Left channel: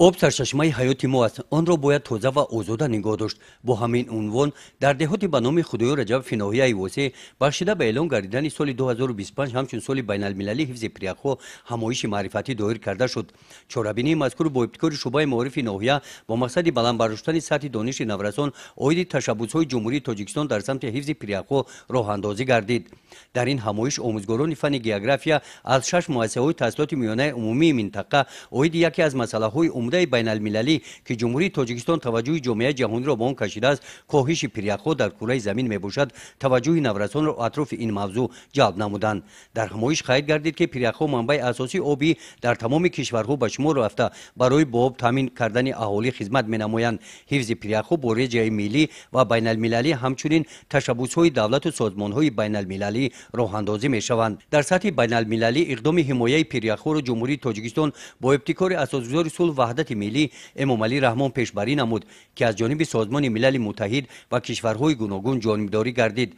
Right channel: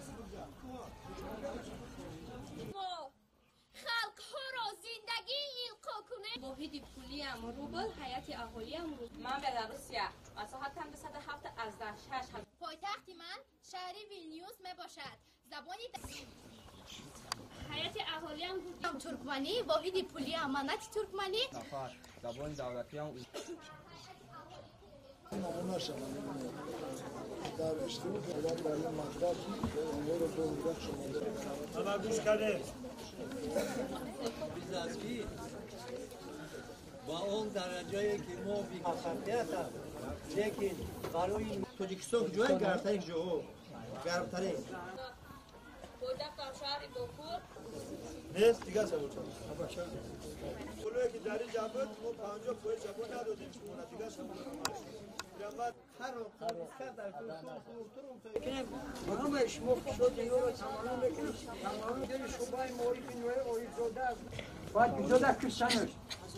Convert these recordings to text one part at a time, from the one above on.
об сарчашмаи ҳаёти мо аст. онро бояд тоза ва озода нигоҳ дошт. бо ҳамин унвон дар деҳоти ба номи худоё раҷабов ноҳияи восеъ бахшида ба эълон гардидани соли 2025 ҳамчун соли байналмилалии ҳифзи прияхҳо ҳамоиши маърифатӣ доир карда шуд. чорабинии мазкур бо ибтикори шуъбаи маорифи ноҳия бо мақсади баландбардоштани сатҳи дониши наврасон оиди ташаббусҳои ҷумҳурии тоҷикистон дар самти ҳифзи прияхҳо роҳандозӣ гардид. дар ин ҳамоиш омӯзгорони фанни география аз 6 муассисаҳои таҳсилоти миёнаи умумии минтақа оиди яке аз масъалаҳои умдаи байналмилалӣ ки ҷумҳурии тоҷикистон таваҷҷӯҳи ҷомеаи ҷаҳониро ба он кашидааст коҳиши прияхҳо дар кураи замин мебошад, таваҷҷӯҳи наврасонро атрофи ин мавзӯъ ҷалб намуданд. дар ҳамоиш қайд гардид ки прияхҳо манбаи асосии оби дар тамоми кишварҳо ба шумор рафта барои бо об таъмин кардани аҳолӣ хизмат менамоянд. ҳифзи прияхҳо бо реҷаи миллӣ ва байналмилалӣ ҳамчунин tashabbusҳои давлату созмонҳои байналмилалӣ роҳандозӣ мешаванд. дар сатҳи байналмилалӣ иқдоми ҳимояи прияхҳоро ҷумҳурии тоҷикистон бо ибтикори асосгузори сулҳ ваҳдати миллӣ эмомалӣ раҳмон пешбарӣ намуд ки аз ҷониби созмони милали муттаҳид ва кишварҳои гуногун ҷонибдорӣ гардид.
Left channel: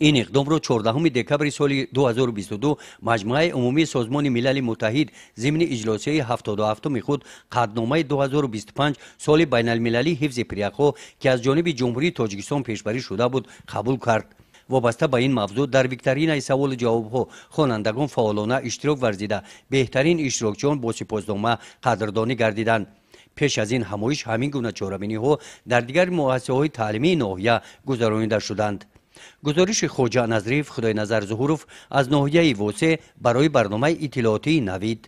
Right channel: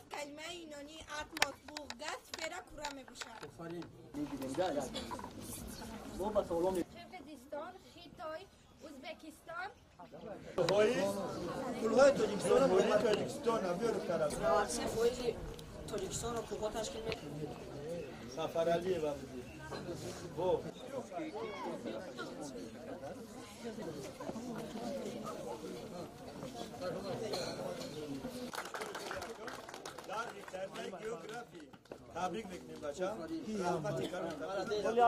ин иқдомро 14 декабри соли 2022 маҷмӯаи умумии созмони милали муттаҳид зимни иҷлосияи 77-уми худ қадномаи 2025 соли байналмилалии ҳифзи прияхҳо ки аз ҷониби ҷумҳурии тоҷикистон пешбарӣ шуда буд қабул кард. вобаста ба ин мавзӯъ дар викторинаи саволу ҷавобҳо хонандагон фаъолона иштирок варзида беҳтарин иштирокчиён бо сипоснома қадрдонӣ гардиданд. пеш аз ин ҳамоиш ҳамин гуна чорабиниҳо дар дигари муассисаҳои таълимии ноҳия гузаронида шуданд. гузориши хоҷа назрив, худойназар зуҳуров аз ноҳияи восеъ барои барномаи иттилоотии Навид.